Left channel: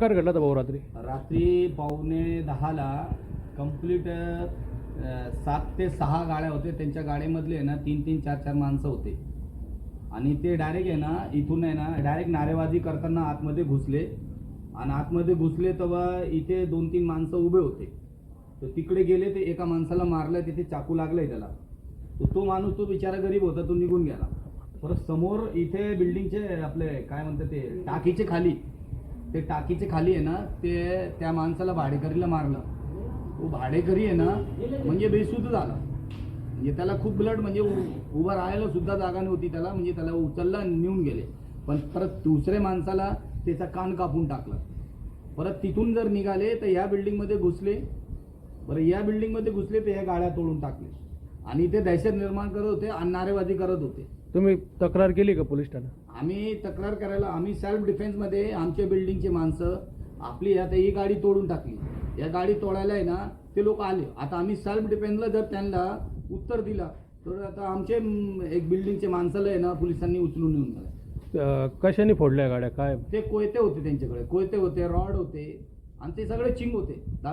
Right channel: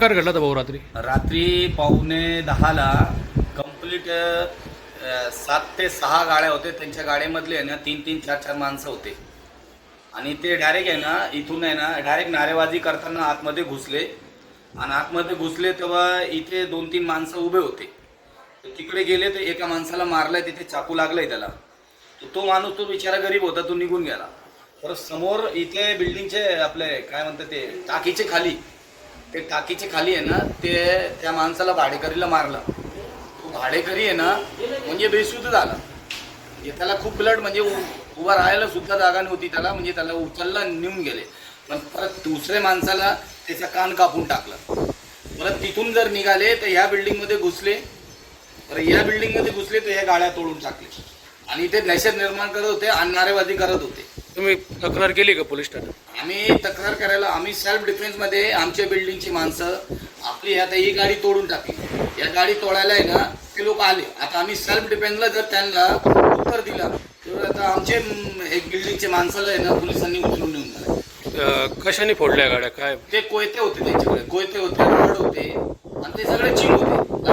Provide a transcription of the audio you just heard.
प्रकार घडला होता भाऊ रात्री? रात्री 9:45ला कंप्लीट 7 ते 6 गाड्या होते. त्यांच्या गाड्यामधले आहे ना 3-3, 4-4 माणसं होते आणि ते डायरेक्ट आहे ना इथून आहे ना डायरेक्ट नारेबाजी करताना आतमध्ये घुसले आणि आतमध्ये घुसले तेव्हा इथे 2-3 माणसं उभे होते. तर तिकडे गेले तर एका माणसाला मारलाय, तिथे चाकू लागलाय त्याला. तो माणूस तो बिचारा गरीब होता, तो निघून गेला. परत समोर इथे बिल्डिंगचे आपले काय म्हणतात ते टाकीचे खाली आहे ना ते त्या माणसाला भाडेकरीला मारला. तो भाडेकरी आहे ना म्हणजे बेशुद्ध झाला. म्हणजे त्याला खूप ब्लड म्हणजे उभा राहायला सुद्धा जागा नव्हती त्याला, म्हणजे त्याला उचलला नेऊन गेले. पण परत दुसऱ्या माणसाला त्याचा कान कापून टाकला. परत तिथून जर निघाले तर या बिल्डिंगमध्ये घुसले. बरं या बिल्डिंगमध्ये घुसले तर या गाड्या तोडून टाकले आणि इथे दहशत निर्माण करत होते आणि नारेबाजी करत होते. तुम्ही तक्रार केली का पोलीस ठाण्यात? आम्ही तक्रार करायला आम्ही सेल्फ डिफेन्समध्ये आमच्या बिल्डिंगची माणसं आपली आता ही गाडी तोडून टाकली. या गाडी तोडायला आहे ना ते लोक आले. आता आम्ही सेल्फ डिफेन्सला जर त्यांना उत्तर दिलं तर आता आमचे एक बिल्डिंगचे माणसाला आहे ना पोलिसांनी उचलून नेऊन गेले. कशाने फोडल्या गाड्या? काय ते कोयते होते, त्यांच्याकडे कोयते होते, रॉड होते आणि ते सगळे चिंब होते.